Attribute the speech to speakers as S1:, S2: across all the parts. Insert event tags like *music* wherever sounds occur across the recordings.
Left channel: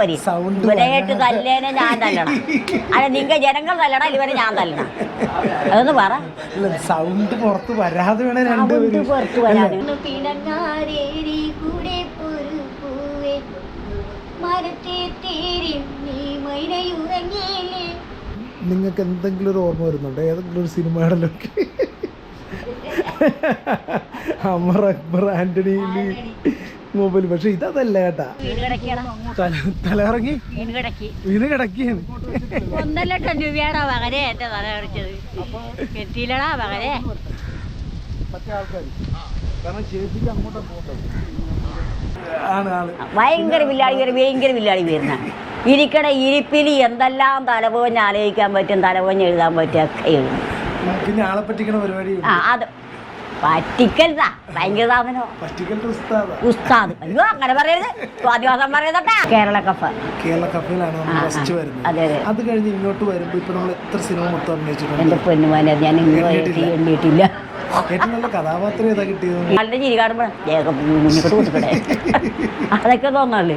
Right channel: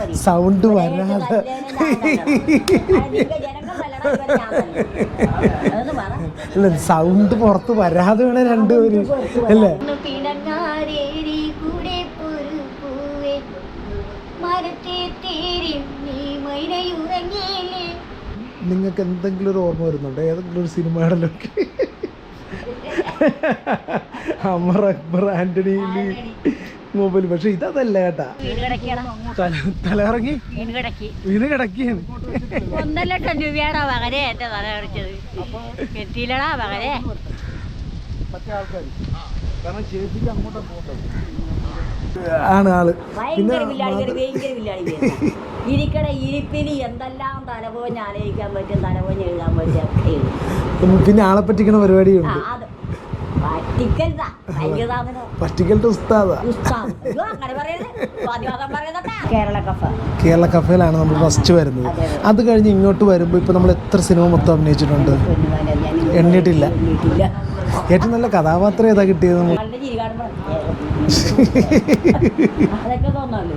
S1: വരി
S2: സൗണ്ട്
S1: തല്ലേനെ ഞാൻ തല്ലണം. അല്ല നിങ്ങൾ ജനങ്ങൾ തല്ലണം ഇവരെ ഞാൻ തല്ലണം. അതൊന്ന് പറ.
S2: സൗണ്ട് പുറത്ത് വരാതെ വേണേ രണ്ടുപേരും. നിങ്ങൾക്ക് എന്തെങ്കിലും ഒരു ഓർമ്മ വരുന്നുണ്ടോ? ഏതെങ്കിലും ഒരു സിനിമയുടെ ലൊക്കെ *laughs* അമർ അക്ബർ ആന്റണി. മൊബൈൽ പക്ഷെ ഇതല്ല കേട്ടാ
S1: വീട് കിടക്കണം
S2: തല തലയിറങ്ങി
S1: വീട് കിടക്കി
S2: വീണ്
S1: ഒന്നര ലക്ഷം രൂപയാണോ മകനെ എന്റെ എത്തിയില്ലടാ മകനെ
S2: പോകേണ്ടത് ആണ് ആൾ.
S1: ഭയങ്കര വില്ലാടി ഭയങ്കര വില്ലാടി വരുന്ന ഇരിക്കണ ഇരിപ്പിൽ എന്തെല്ലാം തലപോഞ്ഞ് ആലോചിക്കാൻ പറ്റും തലപോഞ്ഞ് എഴുതാൻ പറ്റും ഒക്കെ എഴുതും
S2: ഉം, പിന്നെ ആളെ പറ്റിക്കണ പരിപാടിയുണ്ട്.
S1: ആ അത് പറ്റിക്കരുതാ. ഭയങ്കര സാധനം.
S2: പറ്റിക്കലിട്ട് ഉസ്താദ.
S1: ഉസ്താദ്. അയ്യോ അങ്ങനെ പറയരുത്. സ്വാദിവാസം പറയുന്നോട്ടാ കേരള കഫ.
S2: കേരള കഫയിലാണ് നമ്മൾ ഫസ്റ്റ് വരുന്നത്.
S1: അതെ,
S2: കഴിഞ്ഞ് ഇങ്ങോട്ട് വരുമ്പോൾ ഇപ്പൊ നമ്മൾ എത്ര സിനിമ മൊത്തം അഭിനയിച്ചിട്ടുണ്ട്?
S1: എണ്ണിട്ടില്ല പൊന്നുമാനെ
S2: ഏറ്റവും നല്ല കഥാപാത്രം ഏതാ കിട്ടിയത്
S1: നല്ല ചിരി അതൊക്കെ തോന്നാറില്ലേ?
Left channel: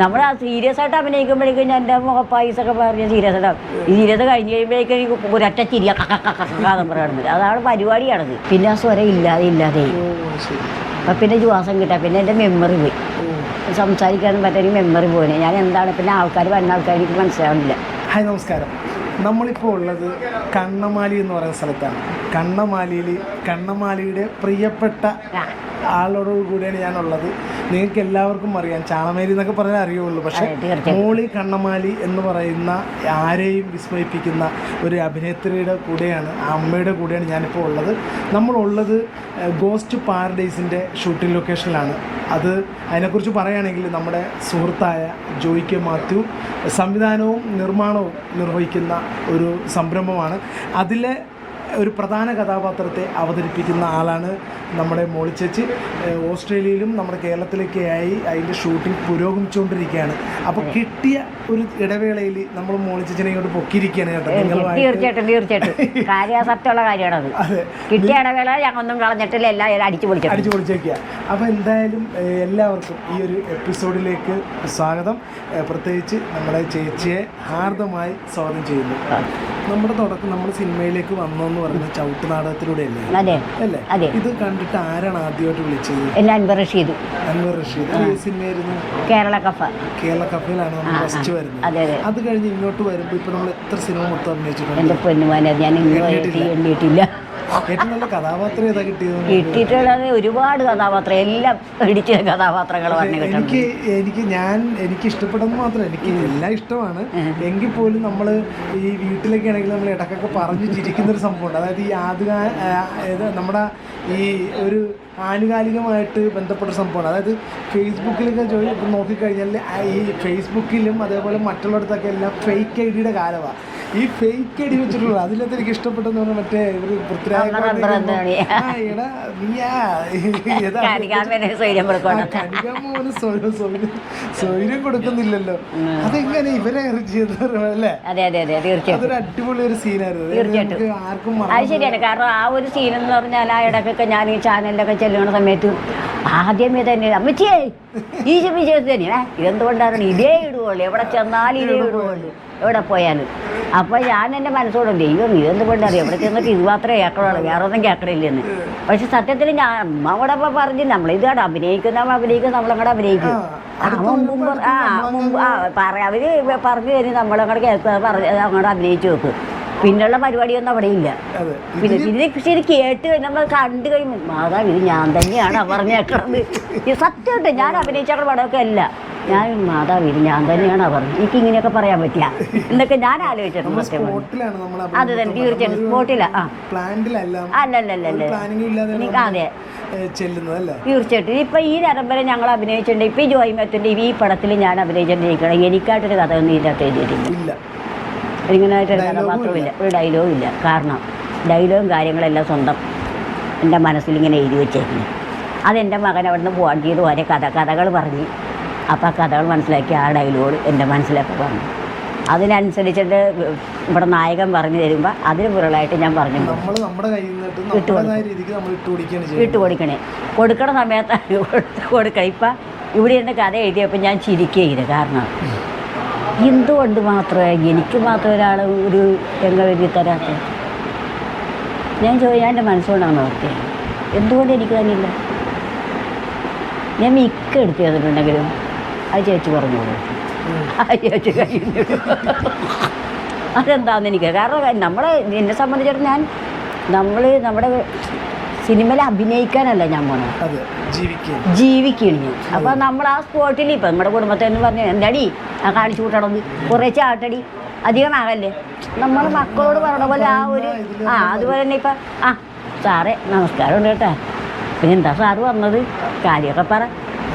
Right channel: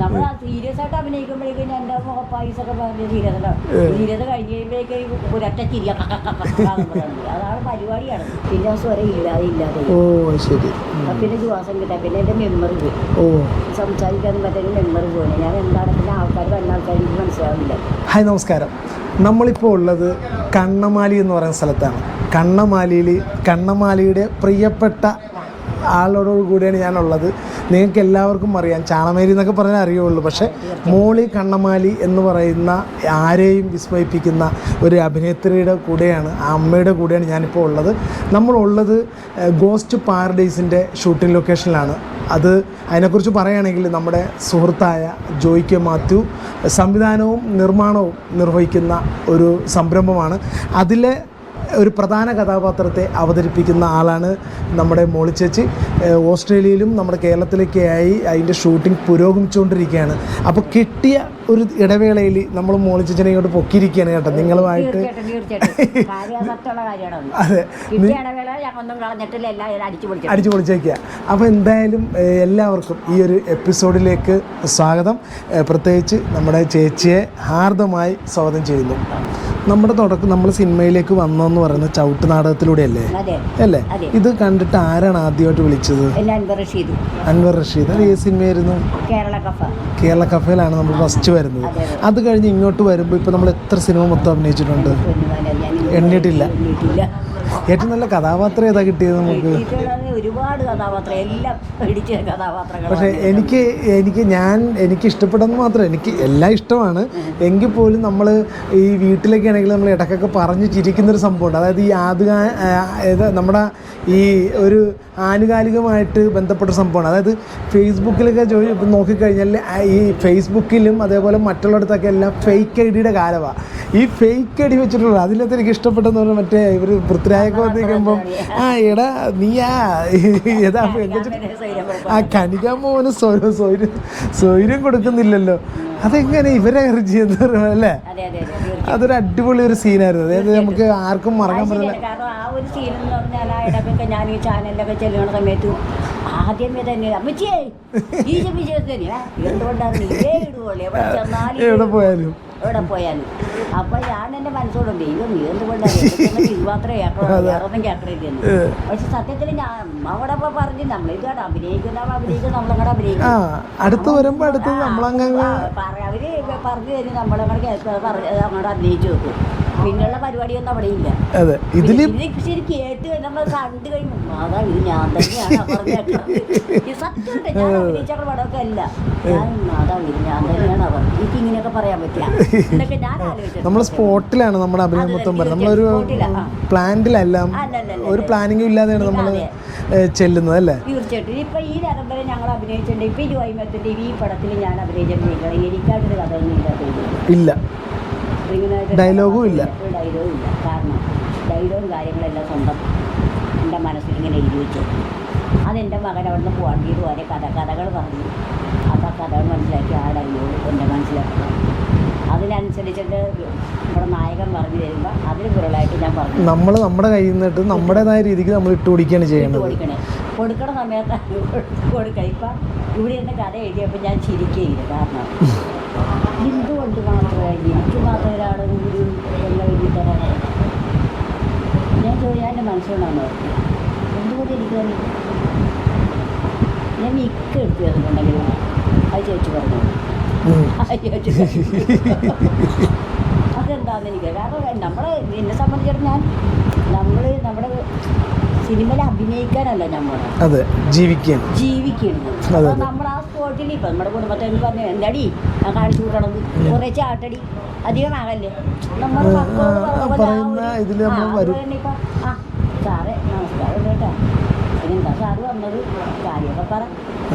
S1: നമ്മൾ ആ സീരിയസ് ആയിട്ട് അഭിനയിക്കുമ്പോഴേക്കും ഞാൻ എന്റെ മുഖപ്പായിസൊക്കെ പറഞ്ഞ് സീരിയസ് ആയിട്ട് ഈ സീരിയസ് കഴിഞ്ഞ് കഴിയുമ്പോഴേക്കും എനിക്ക് ഒരൊറ്റ പറയുന്നത് അതാണ് പരിപാടിയാണത് പിന്നെ ആ സ്വരം ഇല്ലാതെ ഇല്ലാതെ. അപ്പം പിന്നെ ശ്വാസം കിട്ടാം. പിന്നെ എന്റെ മെമ്മറി പോയി. സംസാരിക്കാനും പറ്റൊരു മെമ്മറി പോലെ ഞാൻ എന്താണ് പിന്നെ ആൾക്കാർ വരുന്ന ആൾക്കാർ എനിക്ക് മനസ്സിലാവുന്നില്ല.
S2: ഹായ് നമസ്കാരം. നമ്മളിപ്പോൾ ഉള്ളത് കണ്ണമാലി എന്ന് പറയുന്ന സ്ഥലത്താണ്. കണ്ണമാലിയിൽ കണ്ണമാലിയുടെ പ്രിയപ്പെട്ട ആളോട് കൂടിയാണ് ഞാനുള്ളത്. നിങ്ങൾക്ക് എല്ലാവർക്കും അറിയാം. ചാണമേരി എന്നൊക്കെ പറഞ്ഞാൽ അറിയുള്ളൂ. പക്ഷെ മോളി കണ്ണമാലി എന്ന് പറയുന്ന ആരെയും വിസ്മയിപ്പിക്കുന്ന ഒരു അഭിനേത്രിയുടെ കൂടെയാണ് ആ അമ്മയുടെ കൂടെയാണ് ഞാനിപ്പോൾ ഉള്ളത്. നമ്മളുള്ളത് ഗോസ്റ്റ് പാരഡൈസിന്റെ ഷൂട്ടിംഗ് ലൊക്കേഷനിലാണ്. അത് അതിനെക്കുറിച്ച് പറയുകയാണെങ്കിൽ നമ്മുടെ സുഹൃത്തായ ജോയ്ക്ക് മാത്യു സംവിധാനവും നിർമ്മാണവും നിർവഹിക്കുന്ന ഒരു സംരംഭമാണ്. അതിലെ ഒരു പ്രധാന കഥാപാത്രത്തെ അവതരിപ്പിക്കുന്ന ആളാണ് നമ്മുടെ മോളിച്ചേച്ചി ഓസ്ട്രേലിയയിലും നമ്മുടെ കേരളത്തിലൊക്കെയായി അതിന്റെ ഷൂട്ടിംഗ് പുരോഗമിച്ചുകൊണ്ടിരിക്കുകയാണ്. അപ്പോൾ കിട്ടിയ ഒരു ഇടവേളയിൽ നമ്മൾ മോളി ചേച്ചിനെ ഇങ്ങോട്ട് പൊക്കിയിരിക്കുകയാണ് കേട്ടോ. നിങ്ങളുമായിട്ട്
S1: തീർച്ചയായിട്ടും തീർച്ചയായിട്ടും. കാര്യസത്യമുള്ള കാര്യമാണത്
S2: അതെ.
S1: കിട്ടിയ ഇടവേള ഞങ്ങളൊന്നും കളഞ്ഞിട്ടില്ല എല്ലാം അടിച്ചു പൊളിച്ചു.
S2: അടിച്ചു പൊളിച്ചേക്കുക. അപ്പോൾ എന്തായാലും എല്ലാവർക്കും ഈ ഒരു എപ്പിസോഡിലേക്ക് സ്വാഗതം. പ്രത്യേകിച്ച് നമ്മുടെ ചേച്ചിയെ ഹാർദമായി സ്വാഗതം ചെയ്യുന്നു. നമ്മുടെ തുടക്കം നമ്മൾ സിനിമയിലേക്ക് വന്നെന്ന് പറയുന്നത് ചവിട്ട് നാടകത്തിലൂടെയല്ലേ? അല്ലേ?
S1: അല്ലേ.
S2: ഇത് കണ്ടിട്ട് ആരാണ് ആദ്യമായിട്ട് വിളിച്ചത്?
S1: റഷീദ്.
S2: അൻവർ റഷീദ്. ഏത് സിനിമയായിരുന്നു?
S1: കേരള കഫ.
S2: കേരള കഫയിലാണ് നമ്മൾ ഫസ്റ്റ്. വരുന്നത്.
S1: അതെ,
S2: കഴിഞ്ഞ് ഇങ്ങോട്ട് വരുമ്പോൾ ഇപ്പൊ നമ്മൾ എത്ര സിനിമ മൊത്തം അഭിനയിച്ചിട്ടുണ്ട്?
S1: എന്റെ
S2: ഏറ്റവും കഥാപാത്രം ഏതാ കിട്ടിയത്
S1: ഒരുപാട് കഥാപാത്രം എല്ലാം പിടിച്ച
S2: എനിക്ക് എനിക്ക് ഞാൻ എനിക്ക് ഇഷ്ടപ്പെടുന്നത് മാത്രം എനിക്ക് എല്ലാം ഇഷ്ടമാണ്. എങ്കിൽ പോലും നമ്മൾ ഈ വീട്ടിലൊക്കെ ആണെങ്കിൽ നമ്മൾ ഇടക്കൊക്കെ പറഞ്ഞു ചിരിക്കുന്ന ഒരു സംഭവമുണ്ട്. അതായത് ഈ ആദ്യ നമ്മുടെ ഈ ഒരു ആനുകാലികമായിട്ട് ബന്ധപ്പെട്ട സംഭവമാണ്. അതായത് ഫേസ്ബുക്കിലൊക്കെ ജോലി ഇപ്പം നോക്കിക്കഴിഞ്ഞാൽ ഈ ഫേസ്ബുക്കിലും അതേപോലെ മറ്റുള്ളടത്തൊക്കെ എല്ലാം ഫേക്ക് ഐ ഡിയുടെ കാലമാണ് ഈ ഫേക്ക് ഐ ഡി വെച്ചിട്ടുള്ള അതിനകത്ത് എനിക്ക് ഇഷ്ടപ്പെട്ടെന്ന് പറഞ്ഞാൽ മറ്റേ ഒരു ആ എടാ നീയാ. ആ സ്വയം സ്വൈര്യം സ്വൈര്യം കൊടുക്കുന്നില്ലല്ലോ. അതെങ്ങനെ ഇവരെ അല്ലേ?
S1: അതെ അതെ തീർച്ചയായിട്ടും.
S2: അതൊരു അടിപൊളി ഒരു സീനായിരുന്നു. അതായത് നമുക്ക് ആർക്കും മറക്കാൻ
S1: കാരണം ആ ഒരു സീൻ എന്ന് പറഞ്ഞാൽ ആ ഇടക്കൊക്കെ ഞാൻ ഈ ചാനലിലൊക്കെ ചെല്ലുന്ന സമയത്ത് ആദ്യമേ തന്നെ അമ്മച്ചിയേ ഈ വിജയത്ത് തന്നെ എന്തുകൊണ്ടാണ് ഇതേ ഇടുവുള്ളൂ എവിടെ ചെന്നാലും
S2: എവിടെ. പോയാലും.
S1: അപ്പൊ ഞാൻ എന്റെ മനസ്സോട് ദൈവം ഇതെന്തുകൊണ്ടാണ് എവിടെ ചെന്നിട്ട് ഇത് മാത്രമേ കേൾക്കണോ വേറൊന്നും കേൾക്കണില്ലെന്ന്. പക്ഷെ സത്യത്തിൽ ഞാൻ അവിടെ പറഞ്ഞു നമ്മൾ ഇതാണ് അഭിനയിക്കുന്ന അഭിനയിക്കുന്ന നമ്മളങ്ങടെ അഭിനയിക്കും അവർ പറഞ്ഞു തരും നമ്മളങ്ങടെ കേൾക്കുക പറഞ്ഞ് അങ്ങോട്ട് അഭിനയിച്ചു നോക്ക്. പിന്നുള്ള പരിപാടിയൊന്നും അവിടെ ഇല്ല.
S2: അതെ.
S1: ഇത് കേട്ട് നമ്മൾ കണ്ടു കഴിഞ്ഞു മാതാവ് ഇത് ഞാൻ തന്നെയാണ് പറഞ്ഞേക്കണത് സത്യം കേട്ടോ ഞാൻ അഭിനയിച്ച പടമൊക്കെ അല്ല. ഞാൻ മാതാവ് ഇത് ഞാൻ തന്നെയാണ് പറഞ്ഞത് എനിക്ക് ഇങ്ങനെയൊക്കെ പറയാൻ പറ്റില്ല. എന്നൊക്കെ ഞാൻ ആലോചിച്ചിട്ടുണ്ട്
S2: സ്പോട്ടിലാണ് നമ്മുടെ ഒരു ചെല്ലുന്നത് അല്ലേ?
S1: തീർച്ചയായിട്ടും. ഇപ്പൊ ഈ നേരം വരെ ഞങ്ങൾ അഭിനയിച്ചിട്ടുണ്ട്. ഇപ്പൊ ഈ ജോയിമത്തിന്റെ ഈ പടത്തിൽ ഞാൻ അഭിനയിച്ചിട്ടുണ്ടെങ്കിൽ എനിക്കായിട്ടൊരു കഥ ഒന്നും ഇതിനകത്ത് എഴുതിയിട്ടില്ല.
S2: ഇല്ല.
S1: ഒരു ഡയലോഗും ഇല്ല. കാരണം ഡയലോഗും കാര്യങ്ങളെല്ലാം സ്വന്തം എന്റെ മനസ്സിൽ ഇങ്ങനെ എഴുതി വെച്ചേക്കുന്നു. അതെന്റെ മകൻ അവിടുന്ന് പോകാൻ ചെയ്ത്. ഓരോ കഥ കഥകൾ പറഞ്ഞ്. അപ്പോൾ ആ കഥകൾ മനസ്സിലാക്കി ആ ഡയലോഗ് എന്റെ മനസ്സിലാക്കി അതിനനുസരിച്ചിട്ട് ഇവിടെ നായകൻ പറഞ്ഞു തരുമ്പോൾ അതിന് പുറകളായിട്ട് ഞാൻ പറഞ്ഞു
S2: നമ്മൾ നമ്മുടെ കയ്യിൽ നിന്നിട്ട് നമ്മുടേതായ രീതിക്ക് നമ്മൾ ഇട്ട് പിടിക്കുകയാണ്
S1: ഇട്ട്
S2: ചെയ്യുന്നത്.
S1: കൊടുക്കണേ. കൊടുക്കണ സമയത്ത് *laughs* കൊടുക്കണം. ഇപ്പം ഇവിടെ ഇരുന്ന് കഥ എഴുതിയപ്പോൾ ഞാൻ ചിരിക്കുകയില്ല കാരണം എന്തുകൊണ്ട് മാത്രമേ എനിക്ക് മാത്രം ഒരാൾ ഒരു രംഗം എഴുതി തരാൻ? ഞാൻ ചോദിച്ചു ഞാൻ എന്റെ മനസ്സുകൊണ്ടാണ് നോക്കി എന്തുകൊണ്ട് എനിക്ക് തന്നില്ല? ഞാൻ മിക്ക എടുത്ത് തന്നിട്ടുണ്ടെങ്കിലും അത് ചേച്ചി പറഞ്ഞു. *laughs* അതെന്താണെന്ന് എനിക്ക് കാരണം നമ്മളെ എന്നെ സംബന്ധിച്ചിടത്തോളം ഞാൻ നമ്മൾ നമ്മുടെ സിനിമയിൽ അഭിനയിക്കാനല്ല ഞാൻ പോണത്
S2: അതെ ജീവിക്കാൻ.
S1: ജീവിക്കുകയാണ് ഞാൻ. അപ്പോൾ നമ്മൾ ആ സ്പോട്ടിൽ ഇപ്പൊ നമ്മുടെ കുടുംബത്തെ എന്ന് പറഞ്ഞു എന്താടി? ഞാൻ കാണിച്ചു കൂട്ടണമെന്ന് കുറേ ചാട്ടടി. അധികം ആകല്ലേ? നമ്മൾ മക്കളോട് പറഞ്ഞ പോലെ ആ ഒരു ആ അതുപോലെ തന്നെ ഇപ്പൊ ആ സാറേ നമസ്കാരം ഉണ്ട് കേട്ടാ. പിന്നെ എന്താ സാറ് വന്നത് കാര്യമൊക്കെ പറ.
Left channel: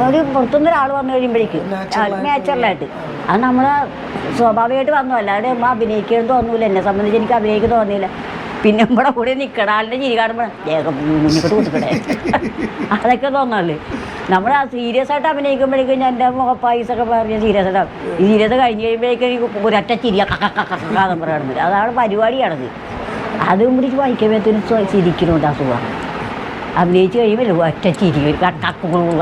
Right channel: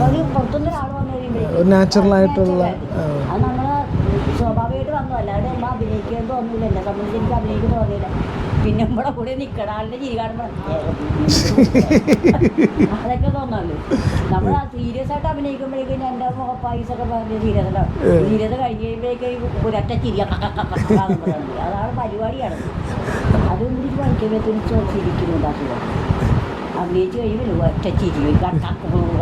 S1: ഒരു പുറത്തുനിന്ന് ഒരാൾ വന്നു കഴിയുമ്പോഴേക്കും. നാച്ചുറലായിട്ട് അത് നമ്മൾ സ്വാഭാവികമായിട്ട് വന്നു. അല്ലാതെ നമ്മൾ അഭിനയിക്കേണ്ടി തോന്നൂല. എന്നെ സംബന്ധിച്ച് എനിക്ക് അഭിനയിക്കാൻ തോന്നിയില്ല. പിന്നെ നമ്മുടെ കൂടെ നിൽക്കണ ആളിന്റെ ചിരി കാണുമ്പോൾ അതൊക്കെ തോന്നാറില്ലേ നമ്മൾ സീരിയസ് ആയിട്ട് അഭിനയിക്കുമ്പോഴേക്കും ഞാൻ എന്റെ മുഖപ്പായസൊക്കെ പറഞ്ഞ സീരിയസ് ആയിട്ട് സീരിയസ് കഴിഞ്ഞ് കഴിയുമ്പോഴേക്കും ഒരൊറ്റ കാതം പറയുന്നത് അതാണ് പരിപാടിയാണത് അതും പിടിച്ച് വായിക്കുമ്പോഴത്തേനും ചിരിക്കുന്നുണ്ട് അസുഖം അഭിനയിച്ച് കഴിയുമ്പോൾ ഒറ്റ ചിരി കക്കപ്പുകളും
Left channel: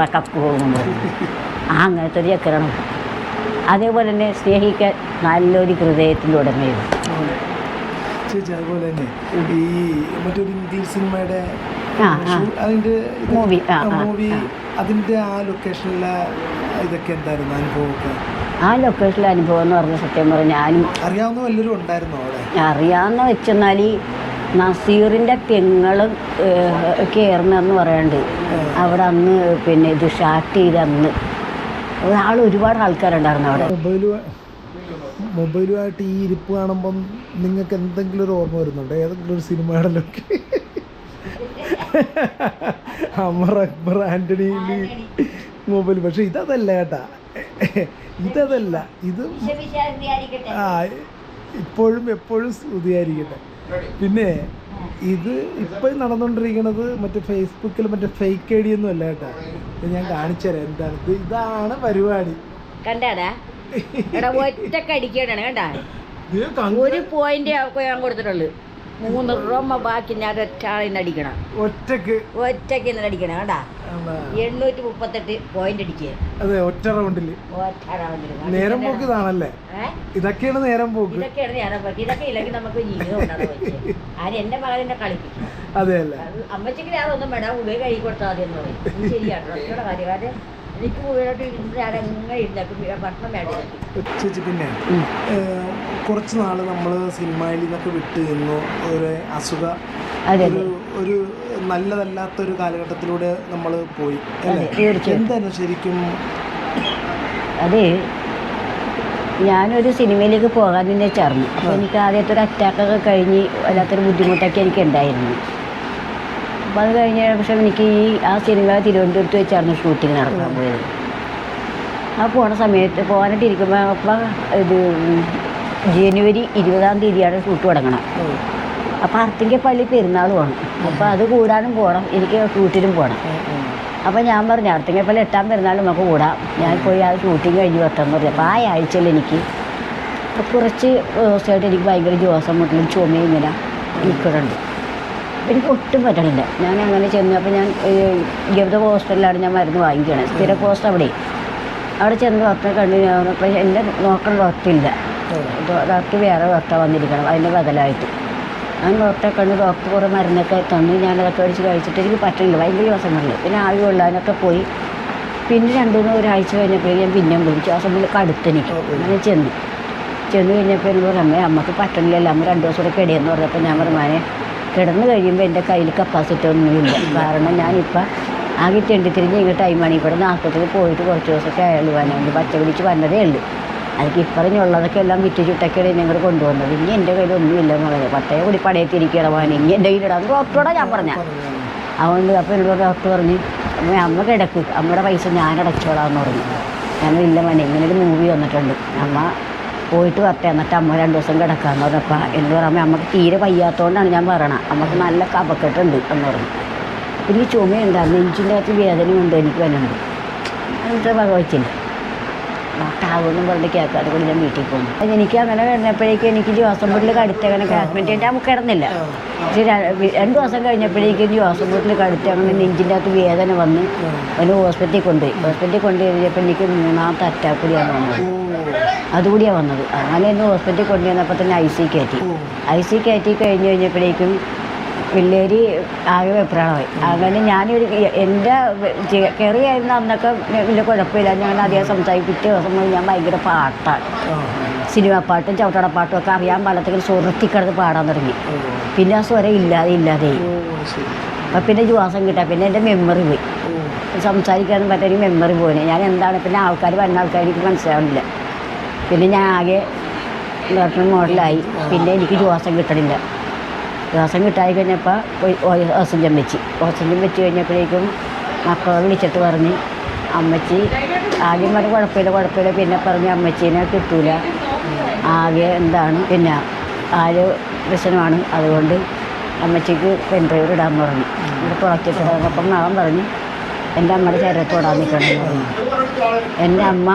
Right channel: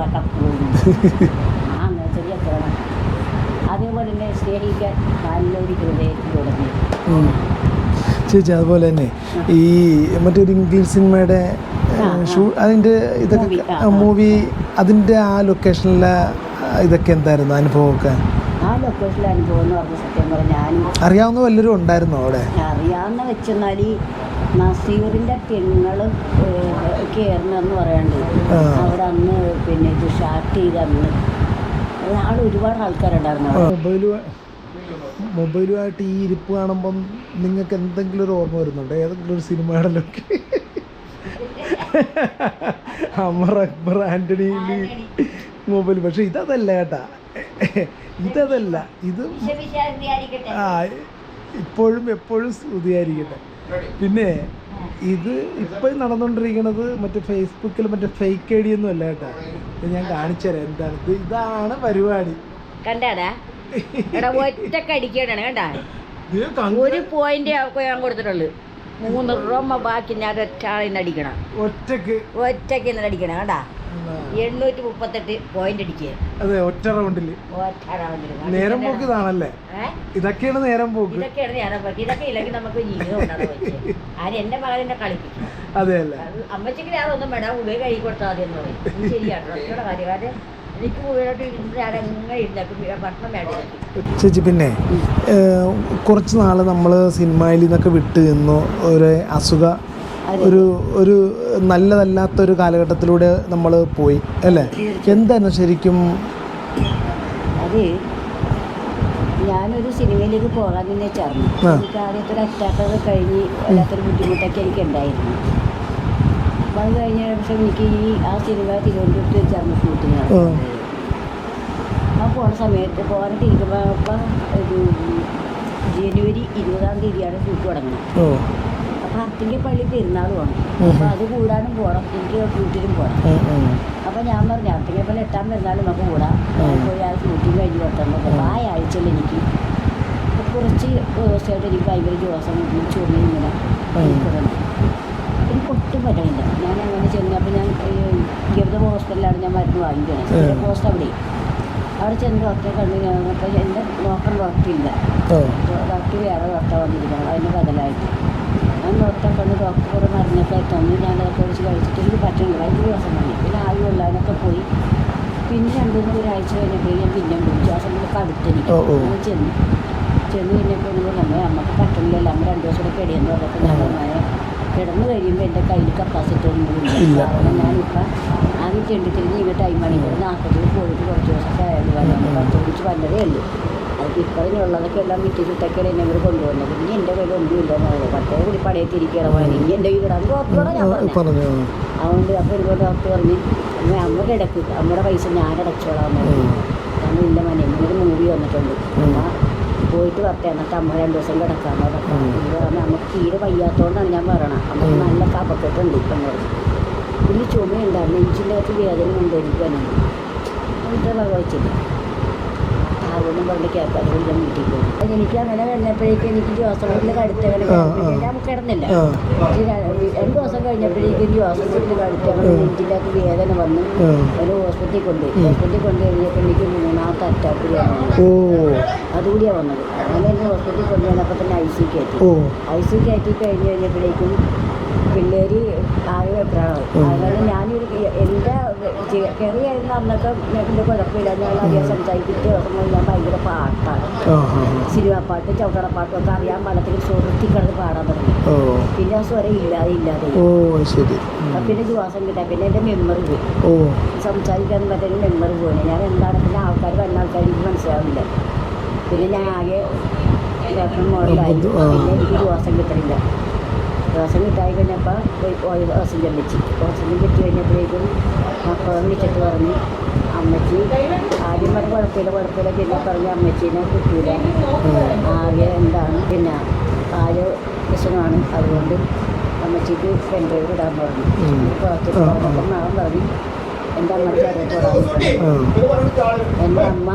S1: ആ അങ്ങനത്തെ ഒരു ചക്കരണം അതേപോലെ തന്നെ സ്നേഹിക്കാൻ നല്ലൊരു ഹൃദയത്തിലുടമയും.
S2: ചേച്ചി അതുപോലെ തന്നെ ഈ മറ്റൊരു ഇംഗ്ലീഷ് സിനിമയുടെ. അതിന്റെ ഇത്
S1: ആ, ആ.
S2: മൂവി അതിന്റെ ആ ലൊക്കേഷനിലെ ഇതൊക്കെ എന്തായിരുന്നു അനുഭവമൊക്കെ
S1: ആ ലൊക്കേഷനിലെ അനുഭവം എന്ന് പറഞ്ഞ സത്യം പറഞ്ഞാൽ ഞാനും
S2: അറിയാവുന്ന വല്ലവരും ഉണ്ടായിരുന്നോ അവിടെ
S1: അറിയാവുന്ന വെച്ചെന്നാൽ നസീറിന്റെ പെങ്ങളും കയറുന്നെന്ന് പറയുന്നുണ്ട്
S2: ആ.
S1: അവിടെ അന്ന് പിന്നെ ഇത് ഷാർട്ട് ചെയ്ത് അന്ന് ആൾ ഒരുപാട് ആൾക്കാരുണ്ടായിരുന്നു അവിടെ
S2: മൊബൈലുമായിട്ട് ഈ ഇരിപ്പ് കാണുമ്പം നിങ്ങൾക്ക് എന്തെങ്കിലും ഒരു ഓർമ്മ വരുന്നുണ്ടോ? ഏതെങ്കിലും ഒരു സിനിമയുടെ ലൊക്കെ അമർ അക്ബർ ആന്റണി മൊബൈൽ. പക്ഷെ ഇതതല്ല കേട്ടാ. ഇതതല്ല. ഇത് ആ ഇപ്പോഴും എപ്പോഴും സ്തുതിയായിരിക്കട്ടെ. പിന്നെ ഇത് ഇപ്പം നടന്നുകൊണ്ടിരിക്കുന്നത് മറ്റേ ഫേസ്ബുക്കിൽ മറ്റേ ഫേക്ക് ഐ ഡി ഒന്നും അല്ല കേട്ടാ. ഞാൻ കാണിച്ചു തരാം എന്താണ് ഇതാണ് പരിപാടി.
S1: കണ്ടാടാ? എടാ
S2: ഒറ്റയ്ക്ക് കേട്ടാ
S1: ഒരു പോയിന്റ് ഞാൻ കൊടുത്തിട്ടുള്ളു. മൂന്ന് റൊമ്മ ബാക്കി ഞാൻ ഒറ്റാളിന്ന് അടിക്കണം.
S2: ഒറ്റയ്ക്ക്.
S1: ഒറ്റയ്ക്ക് ഇന്നലെ അടിക്കണം കണ്ടാ?
S2: എന്താ,
S1: എണ്ണൂറ്റി മുപ്പത്തെട്ട് പോയിന്റ് അടിക്കുക
S2: അതെ ഒറ്റ റൗണ്ടിൽ
S1: ഒറ്റ റൗണ്ടിൽ
S2: നേരം പോക്ക് ഇതാണല്ലേ? ഇതൊക്കെയാണ് നേരം പോക്ക്.
S1: ഇതൊക്കെയാണ് നേരം പോക്ക്. ഇതൊക്കെ ഇല്ലെങ്കിൽ നമുക്ക് ജീവിതം ആര് എന്റെ മകനെ കളിപ്പിക്കും.
S2: അതെ
S1: അമ്മച്ചിക്ക് ഞാനൊന്നും വേണ്ട. ഉള്ളിൽ കഴുകി കൊടുത്താൽ മതി എന്ന് പറയും. ശരിയാണ് കാര്യം
S2: ചേച്ചി പിന്നെ കുറച്ച് നാൾ നമ്മൾ സിനിമയിൽ നിന്നൊക്കെ വിട്ട് നിന്നു. ഒരു അസുഖ ഒരു ഒരു നല്ലതല്ലാത്ത ഒരു കാലഘട്ടത്തിലൂടെ നമ്മൾ പോയി അല്ലേ. എന്താണ് ശരിക്കും?
S1: അത് ഞാനൊരു സിനിമയിലേക്ക് പോകാൻ തന്നെ ചേർന്നു എനിക്ക് ആദ്യത്തെ ഒരു അറ്റാക്കൊക്കെ കഴിഞ്ഞ് വല്ലാത്തൊരു ബുദ്ധിമുട്ടൊക്കെ എനിക്ക് ഉണ്ടായിരുന്നു അപ്പം അത് കഴിഞ്ഞ പക്ഷേ എനിക്ക് ഈ ആ സിനിമ തിരുവനന്തപുരത്ത് വെച്ചായിരുന്നു ഷൂട്ടിംഗ് നടക്കാൻ
S2: ആ.
S1: പോയത് ആ പോണ സമയത്ത് പോകാനായിട്ട് ഇരിക്കുമ്പോൾ അപ്പം ഇത് ജനുവരി ഇരുപതാം തീയതിയാണ് ഷൂട്ട് തുടങ്ങണം അപ്പം അർത്തിന്റെ പള്ളി പോകണം അപ്പം അത് കൂടാനും പോകണം എനിക്ക് ഷൂട്ടിനും പോകണം. അപ്പോൾ ഞാൻ പറഞ്ഞു അർത്തിങ്കപ്പള്ളി എട്ടാം പെരുന്നാൾ നമുക്ക് കൂടാം. ഞാൻ പോയി ആ ഷൂട്ടിങ് കഴിഞ്ഞ് പത്താം പറഞ്ഞു അപ്പം ആ ആഴ്ചയിൽ എനിക്ക് കുറച്ച് ദിവസമായിട്ട് എനിക്ക് ഭയങ്കര ദിവസം കൊണ്ടൊരു ചുമയും ഇങ്ങനെ നിൽക്കുന്നുണ്ട് എനിക്ക് ഒട്ടും പറ്റണില്ല. ഞാൻ അങ്ങനെ ചെന്നപ്പോൾ ഞാൻ ഗൗതം ഹോസ്പിറ്റലിലാണ് ഞാൻ മരുന്ന് വാങ്ങിക്കണത് സ്ഥിര പോസ്റ്റ് അവിടെ. അവിടെ ചെന്ന് ഡോക്ടറെ കണ്ടിന്യൂ അപ്പോൾ എന്റെ നോക്കുന്ന ഡോക്ടറില്ല ഡോക്ടർ വേറെ ഡോക്ടറെ വന്നിരിക്കണം അതിന്റെ ബദലായിട്ട്. ആ ഡോക്ടറെ കണ്ട് ഡോക്ടർ കുറേ മരുന്നൊക്കെ തന്നു. ഞാൻ അതൊക്കെ ഒഴിച്ച് കഴിച്ചിട്ട് എനിക്ക് പറ്റില്ല ഭയങ്കര ദിവസം വന്നു പിന്നെ ആവി കൊള്ളാനൊക്കെ പോയി. പിന്നെ രണ്ടു മൂന്ന് ഒരാഴ്ച കഴിഞ്ഞപ്പോഴേ ഞാൻ പിന്നെ വിളിച്ചു. ആ സമയത്ത് കടുത്തെനിക്ക് അങ്ങനെ ചെന്നു. ചെന്ന് കഴിഞ്ഞപ്പോൾ എന്നോട് പറഞ്ഞു അമ്മയ്ക്ക് പറ്റണില്ലല്ലോ. അമ്മ രണ്ടു ദിവസം കൂടെ പെടിയെന്ന് പറഞ്ഞപ്പോൾ ഞാൻ പറഞ്ഞു മോനെ കിടന്നു കഴിയുമ്പോൾ എന്റെ കയ്യിൽ കപ്പാസിറ്റി ഒന്നുമില്ല കാരണം ഞാനിപ്പോൾ ആകെ ചെണ്ടിത്തിരിഞ്ഞ് ഈ ടൈമാണ് ഇവിടെ ആസ്പത്രിയിൽ പോയിട്ട് കുറച്ച് ദിവസമൊക്കെ ആയുള്ളൂ. വന്നു പച്ച പിടിച്ച് വന്നതേ ഉള്ളൂ. അതിന് ഇപ്പറഞ്ഞുള്ളതൊക്കെ എല്ലാം വിറ്റ് ചുട്ടൊക്കെയാണ് ഞങ്ങൾ കൊണ്ടുവന്നത് ഇനി എന്റെ കയ്യിൽ ഒന്നുമില്ല പറഞ്ഞു പത്തേ കൂടി പടയത്തിരിക്കണം മോനെ. ഇനി എന്റെ കയ്യിലിടാം ഡോക്ടറോടെ ഞാൻ
S2: പറഞ്ഞ.
S1: അതുകൊണ്ട് അപ്പോൾ എന്നോട് ഡോക്ടർ പറഞ്ഞ് അമ്മ അമ്മ കിടക്ക്. അമ്മയുടെ പൈസ ഞാൻ അടച്ചോളാം എന്ന് പറഞ്ഞു. ഞാൻ ഇല്ല മനെ. ഇങ്ങനെ ഒരു മൂവി വന്നിട്ടുണ്ട്. അമ്മ പോയിട്ട് വരട്ടെ എന്നിട്ട് അമ്മ രണ്ട് ദിവസം കിടക്കാമെന്ന് പറഞ്ഞപ്പോൾ എന്ന് പറയുമ്പോൾ അമ്മയ്ക്ക് തീരെ വയ്യാത്തതുകൊണ്ടാണ് ഞാൻ പറയണത് അമ്മയ്ക്ക് നല്ല കപക്കെട്ടുണ്ട് എന്ന് പിന്നെ പിന്നെ ചുമയുണ്ടായിരുന്നു നെഞ്ചിന്റെ അകത്ത് വേദനയുണ്ട് എനിക്ക് വരുന്നത് എന്നിട്ട് ഭഗവച്ചില്ല ഡോക്ടർ പറഞ്ഞിട്ട് പറഞ്ഞ് കേൾക്കാതെ കൊണ്ട് ഞാൻ വീട്ടിൽ പോകും എനിക്ക് അങ്ങനെ വരുന്നപ്പോഴേക്കും എനിക്ക് മുട്ടിൽ കടുത്ത് അങ്ങനെ
S2: ആ,
S1: ആയിട്ട് നമുക്ക് കിടന്നില്ല.
S2: രണ്ടു
S1: പക്ഷേ രണ്ട് ദിവസം കഴിഞ്ഞപ്പോഴേക്കും ഹോസ്പിറ്റലിൽ കടുത്ത് അങ്ങനെ നെഞ്ചിന്റെ അകത്ത് വേദന വന്ന്. അതിന് ഹോസ്പിറ്റലിൽ കൊണ്ടുപോയി. ഹോസ്പിറ്റലിൽ കൊണ്ടുപോയപ്പോൾ എനിക്ക് മൂന്നാമത്തെ അറ്റാക്കിലാണ് അതുകൂടിയാണ് വന്നത്. അങ്ങനെ ഇന്ന് ഹോസ്പിറ്റലിൽ കൊണ്ടുവന്നപ്പോൾ തന്നെ ഐ സി കയറ്റി. ഐ സി കയറ്റി കഴിഞ്ഞ് കഴിഞ്ഞപ്പോഴേക്കും പിള്ളേര് ആകെ വെപ്രാളമായി. അങ്ങനെ ഞാനൊരു എന്റെ കയറി അന്നൊക്കെ വലിയ കുഴപ്പമില്ല. ഞാൻ അധികം സംസാരിപ്പിച്ച് മുതൽ ഞാൻ ഭയങ്കര പാട്ടാണ്.
S2: ആ പാട്ടും
S1: സിനിമ പാട്ടും ചവിട്ടടപ്പാട്ടും ഒക്കെ അറിയാൻ പാടത്തിൽ സുഹൃത്തി കിടന്ന് പാടാൻ തുടങ്ങി. പിന്നെ ആ സ്വരം ഇല്ലാതെ ഇല്ലാതെ. അപ്പം പിന്നെ ശ്വാസം കിട്ടാം പിന്നെ എന്റെ മെമ്മറി പോയി. സംസാരിക്കാൻ പറ്റൊരു മെമ്മറി പോലെ ഞാൻ എന്താണ് പിന്നെ ആൾക്കാർ വരുന്ന ആൾക്കാർ എനിക്ക് മനസ്സിലാവുന്നില്ല പിന്നെ ഞാൻ ആകെ മോഡലായി പിന്നെ എനിക്ക് ശ്വാസം കിട്ടണില്ല. ശ്വാസം കിട്ടായി കഴിഞ്ഞപ്പോൾ ഓക്സിജൻ വെച്ച് ഓക്സിജൻ വെച്ച് കഴിഞ്ഞപ്പോഴേക്കും മക്കളെ വിളിച്ചിട്ട് പറഞ്ഞ് അമ്മച്ചി ആദ്യം പറഞ്ഞ കുഴപ്പമില്ല കുഴപ്പമില്ല. പിന്നെ പറഞ്ഞ് അമ്മച്ചീനെ കിട്ടൂല. ആകെ എന്താണ്? പിന്നെ ആര് പ്രശ്നമാണ്. അതുകൊണ്ട് അമ്മച്ചിക്ക് പെൺപേർ ഇടാൻ പറഞ്ഞു. കുറച്ച് പറഞ്ഞപ്പം നാളെ പറഞ്ഞ് എന്റെ അമ്മയുടെ ശരീരത്തോടാൻ എന്റെ അമ്മ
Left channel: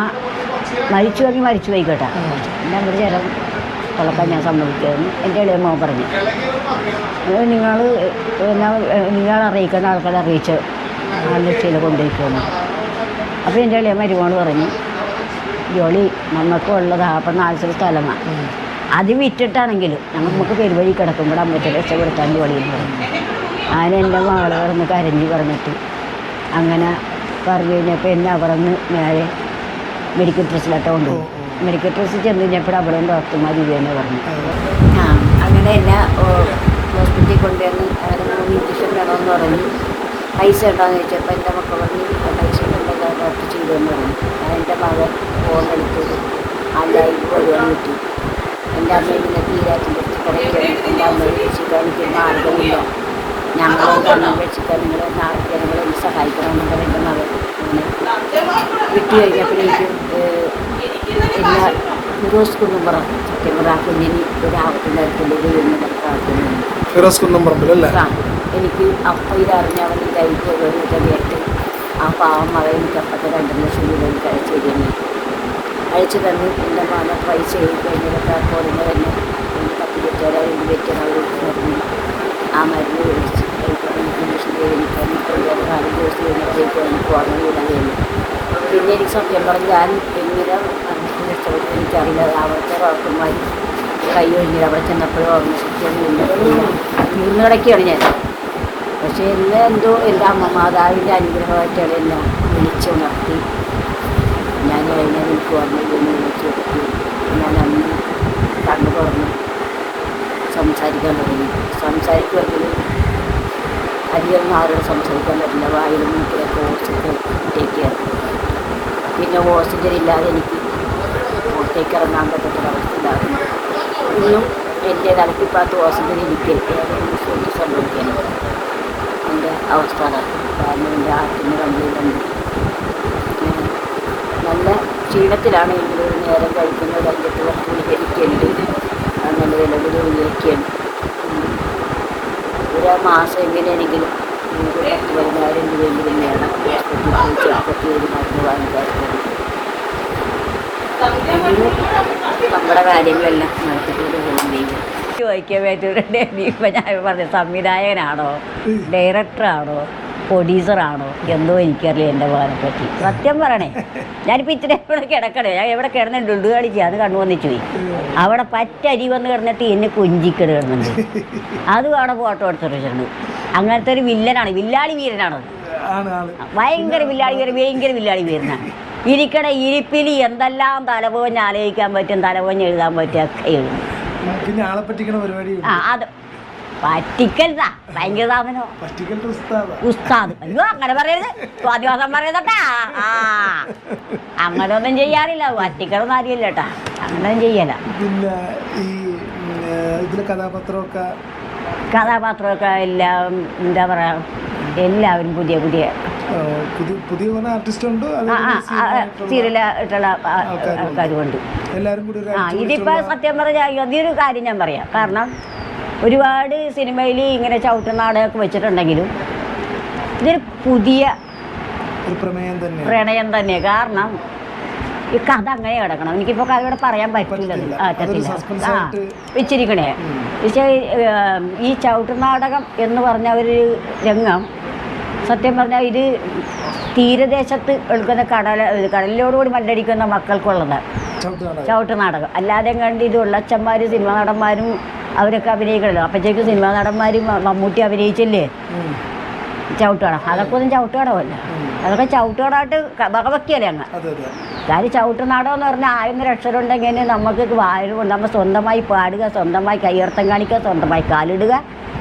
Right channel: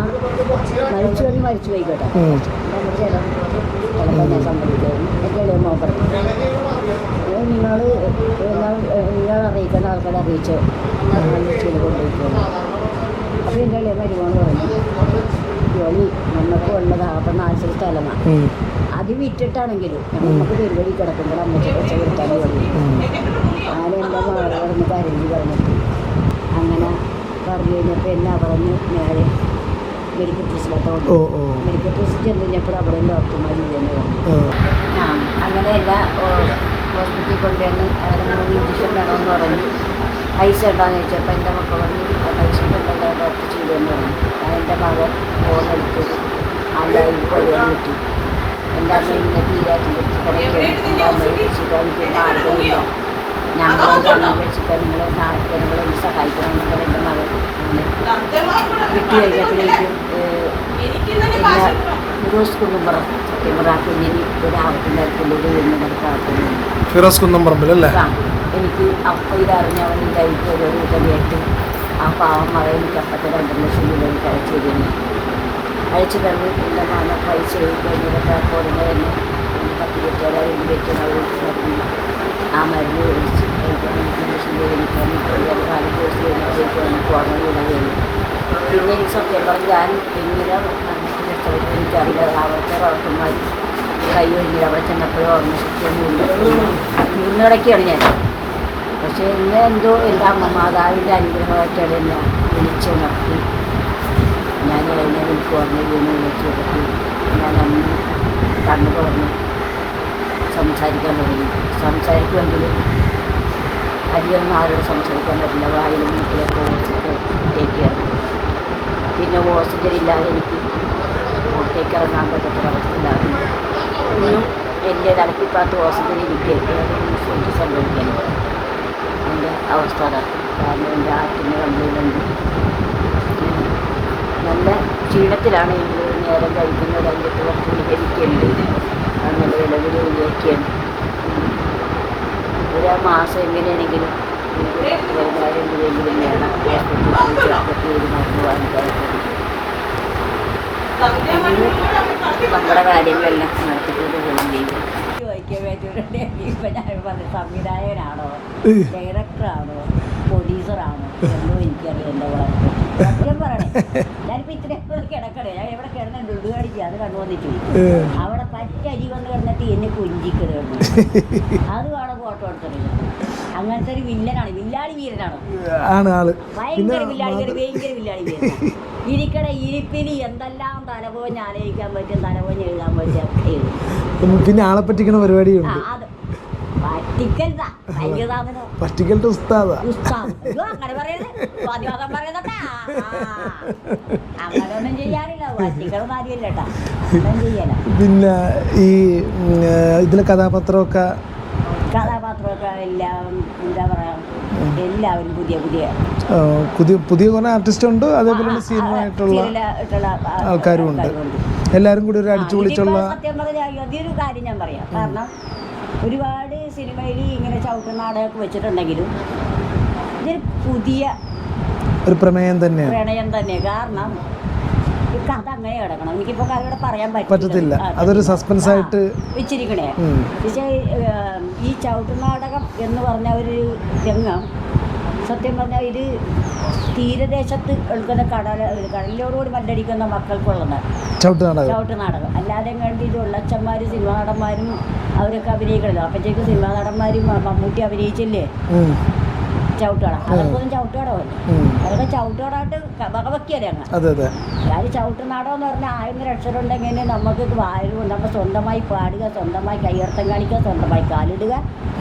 S1: മരിച്ചു പറഞ്ഞ് മരിച്ചു പോയിക്കോട്ടെ. കേട്ടോ എന്റെ അമ്മയുടെ ശരീരം ഉള്ളപ്പോൾ ഞാൻ സമ്മതിക്കായിരുന്നു. എന്റെ ഇളയ മോൻ പറഞ്ഞു. നിങ്ങൾ നിങ്ങൾ അറിയിക്കേണ്ട ആൾക്കാരെ അറിയിച്ച് നല്ല ചെയ്ത് കൊണ്ടിരിക്കുന്നു അപ്പോൾ എന്റെ ഇളയ മരുമോൾ പറഞ്ഞു ജോളി നമുക്ക് ഉള്ളത് അപ്പം നാല് സ്ഥലമാണ് അത് വിറ്റിട്ടാണെങ്കിലും നമുക്ക് പെരുവഴി കിടക്കുമ്പോൾ അമ്മയ്ക്ക് രക്ഷപ്പെടുത്താൻ ജോലി അങ്ങനെ എന്റെ മകളൊന്ന് കരണ്ടി പറഞ്ഞിട്ട് അങ്ങനെ പറഞ്ഞു കഴിഞ്ഞപ്പോൾ എന്നെ അവിടുന്ന് നേരെ മെഡിക്കൽ ട്രസ്റ്റിലോട്ട് കൊണ്ടു
S2: ഓ, ഓ.
S1: മെഡിക്കൽ ഡ്രസ്സ് ചെന്ന് കഴിഞ്ഞപ്പോൾ അവിടെ ഡോക്ടർമാർ ഇല്ലെന്ന് പറഞ്ഞു.
S2: ആ.
S1: അങ്ങനെ എല്ലാ ഹോസ്പിറ്റലിൽ കൊണ്ടുവന്ന് അവിടെ മൂന്ന് ഇഞ്ചക്ഷൻ വേണമെന്ന് പറഞ്ഞു. പൈസ ഉണ്ടാകുന്ന വെച്ചപ്പോൾ എന്റെ മക്കൾ പറഞ്ഞു പൈസ ഉണ്ടല്ലോ ഡോക്ടർ ചെയ്തെന്ന് പറഞ്ഞു. അതിന്റെ മകൻ ഫോൺ എടുത്തത് ആണ്ടായി കൊല്ലാൻ കിട്ടി എന്റെ അമ്മ ഇങ്ങനെ തീരാറ്റിന്റെ എന്റെ അമ്മയെ രക്ഷിക്കാൻ എനിക്ക് മാർഗമില്ല. ഞങ്ങളോട് രക്ഷിക്കാൻ നിങ്ങൾ ജനങ്ങളെ ഒന്ന് സഹായിക്കണമെന്ന് പറഞ്ഞ് എന്റെ മകൻ കിട്ടി കഴിഞ്ഞപ്പോഴേക്കും പിന്നെ ഫിറോസ് കുന്നുംപുറം സത്യപ്രാക്കുഞ്ഞിന് ഒരാവത്തിന്റെ അടുത്തുള്ളത് എന്ന് നടത്താക്കുന്നു
S2: ഫിറോസ് കുന്നംപറമ്പിൽ അല്ലേ?
S1: എനിക്ക് അപ്പം ഇതറിഞ്ഞ് അവൻ ലൈഫ് ഒരു കേട്ട് ആ പാവം മകൻ കട്ടക്ക് രണ്ട് ലക്ഷം രൂപ എനിക്ക് അയച്ചു തരുന്നു. അയച്ചു തന്നു. പിന്നെ മാമ പൈസ കഴിഞ്ഞതൊക്കെ ഫോറിന് പത്ത് ഇരുപത്തേഴായിരം എനിക്ക് ആ മരുന്ന് പിന്നെ ഈ സത്യം പറഞ്ഞാൽ ഞാൻ എങ്ങനെ എനിക്കറിയില്ല അവിടുത്തെ ഡോക്ടർമാർ കൈ കഴിഞ്ഞില്ല അവിടെ ചെന്നപ്പോഴും ഓർമ്മ ശക്തിയൊന്നും നിന്ന് കിടക്കുകയാണ് ഞാൻ പക്ഷേ ഇന്ന് എന്തോ അമ്മ മാതാവിന്റെ അനുഗ്രഹമായിട്ട് അതെന്നെ വിളിച്ച് നടത്തി ഞാൻ അതിനെ എനിക്ക് ഓർമ്മ വീണ് വിളിച്ചെടുത്തു ഞാൻ അന്ന് കണ്ണു തുറന്ന് സംസാരിക്കാൻ തുടങ്ങി സംസാരിക്കുമെങ്കിലും അധികം ആരോട് സംസാരിക്കാൻ പറ്റില്ല വായിലും മുട്ടിലൊക്കെ ഓടിച്ചിട്ട് ടേക്ക് പിന്നെ ഓക്സിജൻ ഇല്ലാതെ എനിക്ക് പുറത്തേക്ക് ഇറങ്ങാൻ പറ്റത്തില്ല അവസ്ഥയിലായിരുന്നു ഇന്നും എന്റെ തലക്കിപ്പാത്ത് ഓക്സിജൻ എനിക്ക് എനിക്ക് സംഭവിക്കാൻ എന്റെ അവസ്ഥ അതാണ് കാരണം എന്റെ ഹാർട്ടിന് കംപ്ലൈന്റ് നല്ല ക്ഷീണത്തിലാണ് എങ്കിലും നേരം കഴിക്കുന്നത്. അതിന്റെ കുറച്ച് ഗുളികരിക്കുന്നുണ്ട് അങ്ങനെ നിലവിൽ ഗുളികയ്ക്കാണ് ഒരു മാസം എങ്ങനെയാണെങ്കിലും എനിക്ക് പത്ത് പതിനായിരം രൂപയെങ്കിലും വേണം. ഹോസ്പിറ്റലിൽ പോയി ചെറുപ്പത്തി ഒരു മരുന്ന് വാങ്ങിക്കാറുണ്ട് നമ്മുടെ കാര്യങ്ങളെല്ലാം നടത്തിക്കൊണ്ട് ചെയ്യും. ചോദിക്കാൻ പറ്റൂടെ ഇപ്പം ഞാൻ പറഞ്ഞ സംവിധായകനാണോ? ഡയറക്ടറാണോ? പ്രൊഡ്യൂസറാണോ എന്തോ എനിക്കറിയാം എന്റെ പറ്റി സത്യം പറയണേ ഞാനിപ്പോൾ ഇത്ര എവിടെ കിടക്കണേ. ഞാൻ എവിടെ കിടന്ന ഡുഡു കാണിച്ചു അത് കണ്ണു വന്നിട്ട് പോയി അവിടെ പറ്റരി വന്ന് കിടന്നിട്ട് എന്നെ കൊഞ്ചിക്കട് കിടന്നു അതും അവിടെ ഫോട്ടോ എടുത്തിട്ട് ചെന്നു അങ്ങനത്തെ ഒരു വില്ലനാണ്. വില്ലാളി വീരനാണ്. ഭയങ്കര വില്ലാളി വീരൻ ഭയങ്കര വില്ലാളി വീരനാണ് ഇരിക്കണ ഇരിപ്പിൽ എന്തെല്ലാം തലപോഞ്ഞ് ആലോചിക്കാൻ പറ്റും തലപോഞ്ഞ് എഴുതാൻ പറ്റും ഒക്കെ എഴുതും.
S2: പിന്നെ- ആളെ പറ്റിക്കണ
S1: ആ
S2: പരിപാടിയുണ്ട്
S1: അത് പറ്റിക്കരുതാ. ഭയങ്കര
S2: ഉസ്താദ.
S1: ഉസ്താദ്. അയ്യോ അങ്ങനെ പറയരുത്. ചെയ്യാറില്ല. പറ്റിക്കണം കാര്യമില്ല കേട്ടാ അങ്ങനെ ചെയ്യല
S2: പിന്നെ ഈ ഇതിലെ കഥാപാത്രമൊക്കെ?
S1: കഥാപാത്രമൊക്കെ എല്ലാം എന്താ പറയാ എല്ലാവരും പുതിയ പുതിയ
S2: പുതിയ പുതിയ കുറെ ആർട്ടിസ്റ്റ് ഉണ്ട്? അതേപോലെ സീനിയറായിട്ടുള്ള
S1: സീരിയലായിട്ടുള്ള
S2: ആൾക്കാരും ഉണ്ട്.
S1: ആൾക്കാരുമുണ്ട്.
S2: എല്ലാവരും കൂടി ഒരു
S1: സത്യം പറഞ്ഞാൽ ഒരു കാര്യം ഞാൻ പറയാം. കാരണം ഒരുപാട് സിനിമയിൽ ഇങ്ങനെ ചവിട്ട നാടകമൊക്കെ വെച്ചിട്ടുണ്ടെങ്കിലും ഇതൊരു പുതിയ
S2: ഒരു പ്രമേയം തന്നെ
S1: പ്രണയം തന്നെ കാരണം ഈ കഥ അങ്ങനെ കിടക്കണം. എനിക്കിപ്പോ കഥയോടെ പറയാൻ പറ്റില്ല.
S2: അതൊരു
S1: പറ്റില്ല.
S2: ആയിട്ട്
S1: വെച്ചിരിക്കണേ. പക്ഷേ ഈ ചവിട്ടുനാടകം എന്ന് പറഞ്ഞ ഒരു രംഗം സത്യം പറഞ്ഞാൽ ഇത് തീരദേശത്ത് എടുക്കുന്ന കടല കടലിലോടുകൂടി മല്ലടിക്കുന്ന മക്കൾക്കുള്ളതാണ്
S2: ചവിട്ട് നാടകം.
S1: അല്ലാതെ കണ്ട് ഇത് ഉള്ളച്ചന്മാർ സിനിമ നടന്മാരും അവരൊക്കെ അഭിനയിക്കണല്ലോ. അപ്പോഴത്തേക്ക് സിനിമ നടന്മാരും മമ്മൂട്ടി അഭിനയിച്ചില്ലേ. ചവിട്ടുകട അതൊക്കെ ഒന്നും ചവിട്ടുകടമല്ല. അതൊക്കെ ചവിട്ടുകടായിട്ട് വകവയ്ക്കല്ലേ അങ്ങ്
S2: അതെ അതെ.
S1: അതായത് ചവിട്ടുനാടോ എന്ന് പറഞ്ഞാൽ ആയിരം രക്ഷരുണ്ടെങ്കിൽ നമുക്ക് വായു നമ്മൾ സ്വന്തമായി പാടുക സ്വന്തമായി കയ്യർത്തം കാണിക്കുക സ്വന്തമായി കാലിടുക.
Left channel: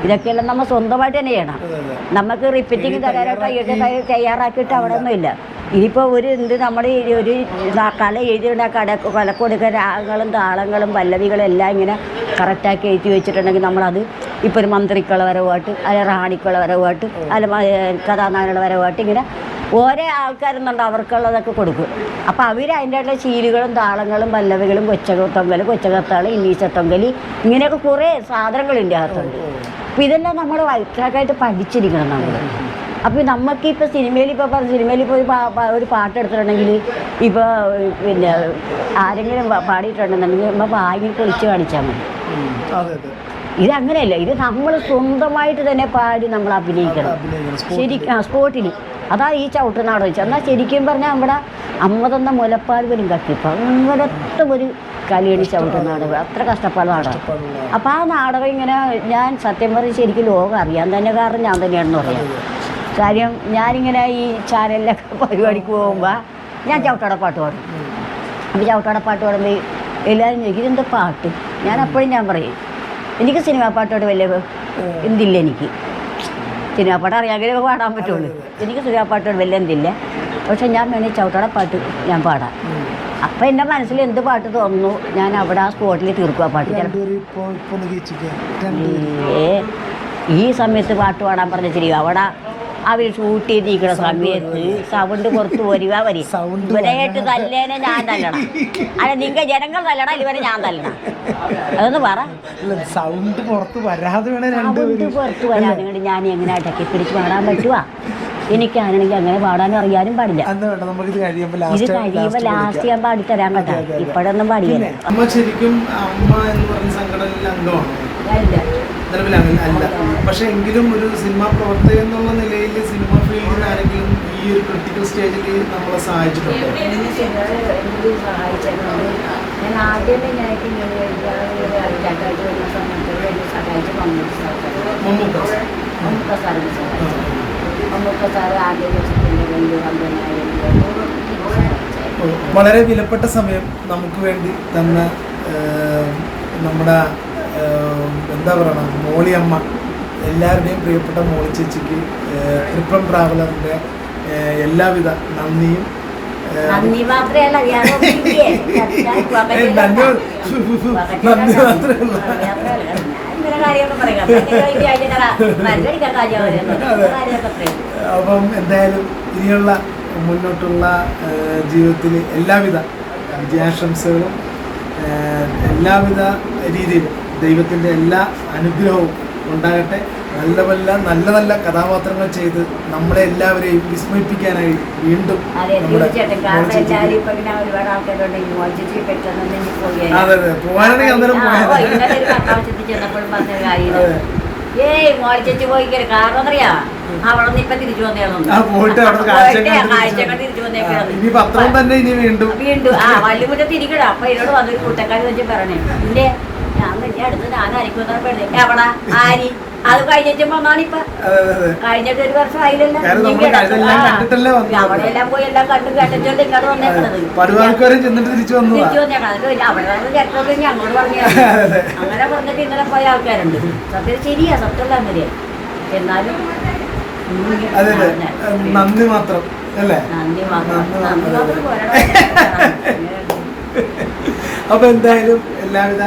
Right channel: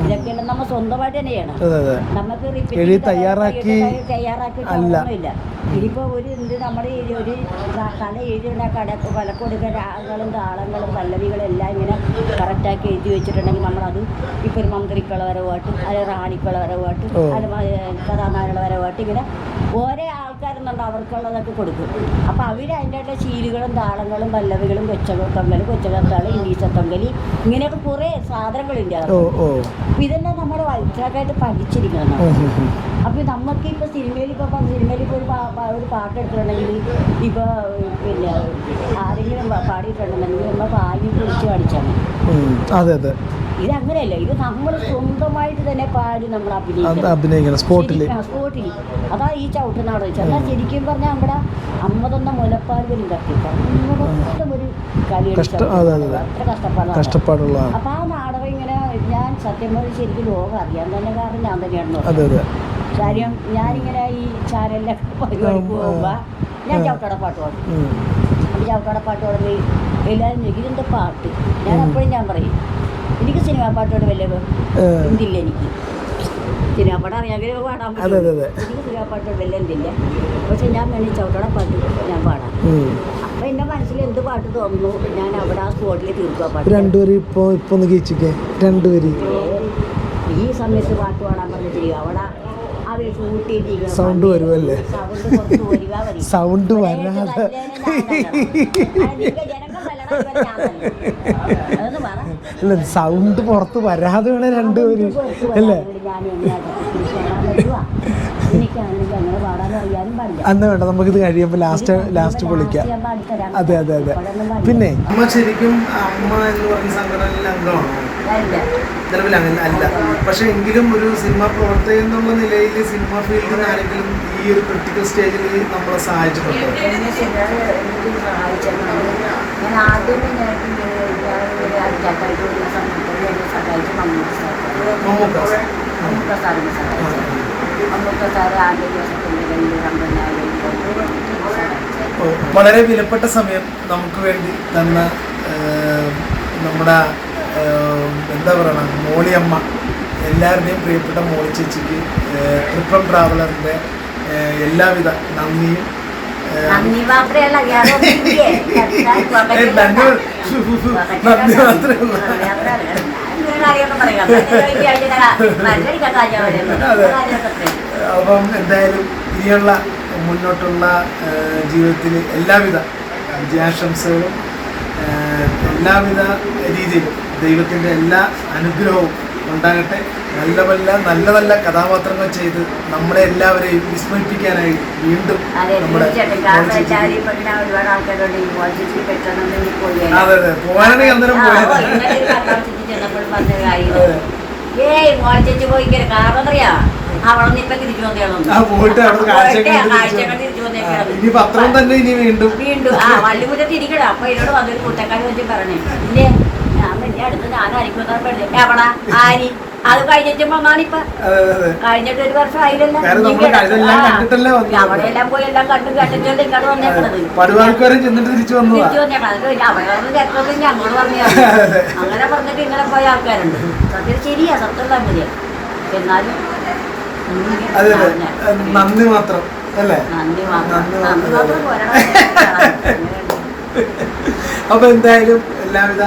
S1: ഇതൊക്കെയെല്ലാം നമ്മൾ സ്വന്തമായിട്ട് തന്നെ ചെയ്യണം. നമുക്ക്
S2: റിപ്പീറ്റ്
S1: റിപ്പീറ്റിംഗ്
S2: തയ്യാറാക്കി-
S1: തയ്യാറാക്കിയിട്ട് അവിടെ ഒന്നുമില്ല ഇനിയിപ്പോൾ ഒരു എന്ത് നമ്മുടെ ഈ ഒരു കല എഴുതിയിട കട കൊലക്കൊടുക്ക രാഗങ്ങളും താളങ്ങളും പല്ലവികളും എല്ലാം ഇങ്ങനെ കറക്റ്റാക്കി എഴുതി വെച്ചിട്ടുണ്ടെങ്കിൽ നമ്മളത് ഇപ്പോൾ ഒരു മന്ത്രിക്കുള്ള വരവായിട്ട് അല്ലെ റാണിക്കുള്ള വരവായിട്ട്. അല്ല കഥാനായകരുടെ വരവായിട്ട് ഇങ്ങനെ ഓരോ ആൾക്കാരെന്നുണ്ട് അവർക്കുള്ളതൊക്കെ കൊടുക്കും അപ്പോൾ അവർ അതിന്റെ ശീലുകളും താളങ്ങളും പല്ലവികളും കൊച്ചകൊത്തൊങ്കൽ കൊച്ചകത്താൾ ഇന്നീച്ചത്തൊങ്കലി ഇങ്ങനെയൊക്കെ കുറേ സാധനങ്ങളുണ്ട് അപ്പോൾ ഇതെല്ലാം നമ്മൾ വൈറ്റായിട്ട് പഠിച്ചിരിക്കണം നമ്മൾ. അപ്പോൾ നമുക്ക് ഇപ്പോൾ സിനിമയിൽ ഇപ്പോൾ പറ സിനിമയിൽ ഇപ്പൊ ഒരു പാട്ട് എടുത്തിട്ടുണ്ടെങ്കിൽ ഇപ്പോൾ പിന്നെ ആരെങ്കിലും പാടിയിട്ടുണ്ടെന്നുണ്ടെങ്കിൽ നമ്മൾ വാങ്ങി പൊളിച്ച് കാണിച്ചാൽ മതി.
S2: അതെ അതെ.
S1: ഇത് അങ്ങനെയല്ല ഇത് നമ്മൾ സ്വന്തമായിട്ട് തന്നെ പാടി നമ്മൾ അഭിനയിക്കണം.
S2: അഭിനയിക്കണം സ്പോട്ടിൽ
S1: അതാ ഈ ചവിട്ടുനാട് വെച്ച് എന്നാൽ ശരിക്കും പറഞ്ഞാൽ നമ്മുടെ അമ്മ തന്ന മുലപ്പാൽ പോലും കട്ടിപ്പോൾ അങ്ങനത്തെ ഒരു
S2: കളിയുടെ
S1: ചവിട്ടുനാട്
S2: അതെ, അതെ.
S1: അത്ര കഷ്ടപ്പാടാണ് അപ്പം ആ നാടകം ഇങ്ങനെ ഞാൻ സത്യം പറഞ്ഞ് ശരിക്കും ലോകം അറിയാൻ തന്നെ കാരണം ഞാൻ തന്നെയാണെന്ന്
S2: പറഞ്ഞത്
S1: കാര്യം ഞാനിങ്ങനെ ഈ ചാനലിലൊക്കെ പരിപാടിക്ക് പോകുമ്പോൾ ഞാൻ ചവിട്ടട പാട്ട് പാടും.
S2: അപ്പം
S1: അപ്പോൾ ചവിട്ടട പാട്ട് പാടുമ്പോൾ എല്ലാവരും ചോദിക്കും ഇതെന്താ പാട്ട്? ഞാൻ അപ്പോഴും ഞാൻ പറയും എനിക്ക് സിനിമാ പാട്ടോട് വലിയ. എന്തില്ല എനിക്ക്. സിനിമാ പാട്ട് അറിയാമെങ്കിലും പാടാൻ പറ്റുള്ളൂ. എനിക്ക് സിനിമാ പാട്ടോട് വലിയ എന്തില്ല. പക്ഷെ ഞാൻ വേണമെങ്കിൽ ചവിട്ടട പാട്ട് ഞാൻ പാടാം. അപ്പം എന്റെ മനസ്സിൽ എന്ത് പാട്ട് തോന്നുന്നു ഞാൻ അവിടെ ആ സ്പോട്ടിൽ തീർക്കുക പാട്ട് ഈ സമയത്ത് പാട്ട് പാടാൻ പറഞ്ഞ ശരി അവിടെ അവർ ഷൂട്ട് സമയത്ത്? സൗണ്ട് വരുവാ വരി ഇവരായിട്ട് തല്ലേനെ ഞാൻ തല്ലണം. അല്ല നിങ്ങൾ ജനങ്ങൾ തല്ലണം ഇവരെ ഞാൻ തല്ലണം. അതൊന്ന് പറ.
S2: സൗണ്ട് പുറത്ത് വരാതെ വേണേ രണ്ടുപേരും
S1: സൗണ്ട് പുറത്ത് വരാതെ ഞാൻ എങ്ങനെ അടക്കി പിടിച്ച് പാടാൻ പറ്റുവാ? എനിക്കാണെങ്കിൽ അങ്ങനെ പാടാൻ അറിയാനും പാടില്ല.
S2: അന്ന് വേണ്ട കഴിയുമ്പോൾ
S1: ഇത് കഴിയുമ്പോൾ
S2: ലാസ്റ്റ്
S1: ലാസ്റ്റ് ഞാൻ ഇപ്പോഴൊന്നും പാടില്ല.
S2: അമ്മ ശരിക്കും അമ്മ എന്ന് പറയുന്ന സംഘടനയിൽ അംഗമാണ്? നിലവിൽ അങ്ങനെ അല്ല. പക്ഷെ എങ്കിലും ഒരു സിനിമ പ്രവർത്തകൻ എന്നുള്ള നിലയിൽ സിനിമ ഫീൽഡിൽ ആരെങ്കിലും ഈ ഒരു ക്രിട്ടിക്കൽ സ്റ്റേജിൽ നമ്മളെ സഹായിച്ചിട്ടുണ്ടോ?
S1: ഞാൻ സഹായിച്ച്
S2: മമ്മൂക്ക.
S1: മമ്മൂക്ക സാറിനെ സഹായിച്ചു മമ്മൂക്ക സാറ് ആദ്യ ദിവസത്തിന്റെ
S2: വളരെ വിലപ്പെട്ട സമയം നമുക്ക് വേണ്ടി തന്ന നമ്മുടെ എന്താ പറയണ മോളിയമ്മ എല്ലാവരുടെയും പ്രിയപ്പെട്ട മോളി ചേച്ചിക്ക് ട്രിപ്പം ട്രാവലറിന്റെ എല്ലാവിധ നന്ദിയും
S1: നന്ദി മാത്രമല്ല.
S2: നന്ദി അപ്പം എന്തായാലും ഇനിയുള്ള മുന്നോട്ടുള്ള ജീവിതത്തിൽ എല്ലാവിധ വിജയാശംസകളും എല്ലാവിധ രീതിയിലും ദൈവത്തിന്റെ എല്ലാ അനുഗ്രഹവും ഉണ്ടാകട്ടെ. നല്ല നല്ല നല്ല നല്ല കഥാപാത്രങ്ങൾ ചെയ്ത് നമ്മളെ എല്ലാവരെയും വിസ്മയിപ്പിക്കാനായി വീണ്ടും
S1: അതെ
S2: നമ്മുടെ അതെ അതെ. പോകാനാണെങ്കിൽ അന്നേരം പോയത്
S1: ഏയ് പോയി കാരണം അറിയാ?
S2: ഇനി പത്രം തന്നെ ഇനി വീണ്ടും.
S1: വീണ്ടും. ആ വള്ളിമുറ്റത്ത് ഇരിക്കണം അപ്പൊ എന്നോട് വന്നൊരു കൂട്ടക്കാരി വെച്ച് പറഞ്ഞേ. ഇല്ലേ? അത് കഴിഞ്ഞിട്ട് ഒരു വർഷം ആയില്ലല്ലോ. അവിടെ പോയി എല്ലാം കണ്ടു ഇങ്ങോട്ട്
S2: ചെന്നിട്ട് തിരിച്ചു
S1: അവിടെ വന്ന് പറഞ്ഞു അങ്ങനെ പറഞ്ഞിട്ട് ഇങ്ങനെ പോയ ആൾക്കാരുണ്ട് സത്യം ശരിയാ സത്യം തന്നെ എന്നാലും
S2: അതെ അതെ നന്ദി മാത്രം അല്ലേ
S1: നന്ദി മാത്രം
S2: അപ്പൊ എന്തായാലും എല്ലാവിധ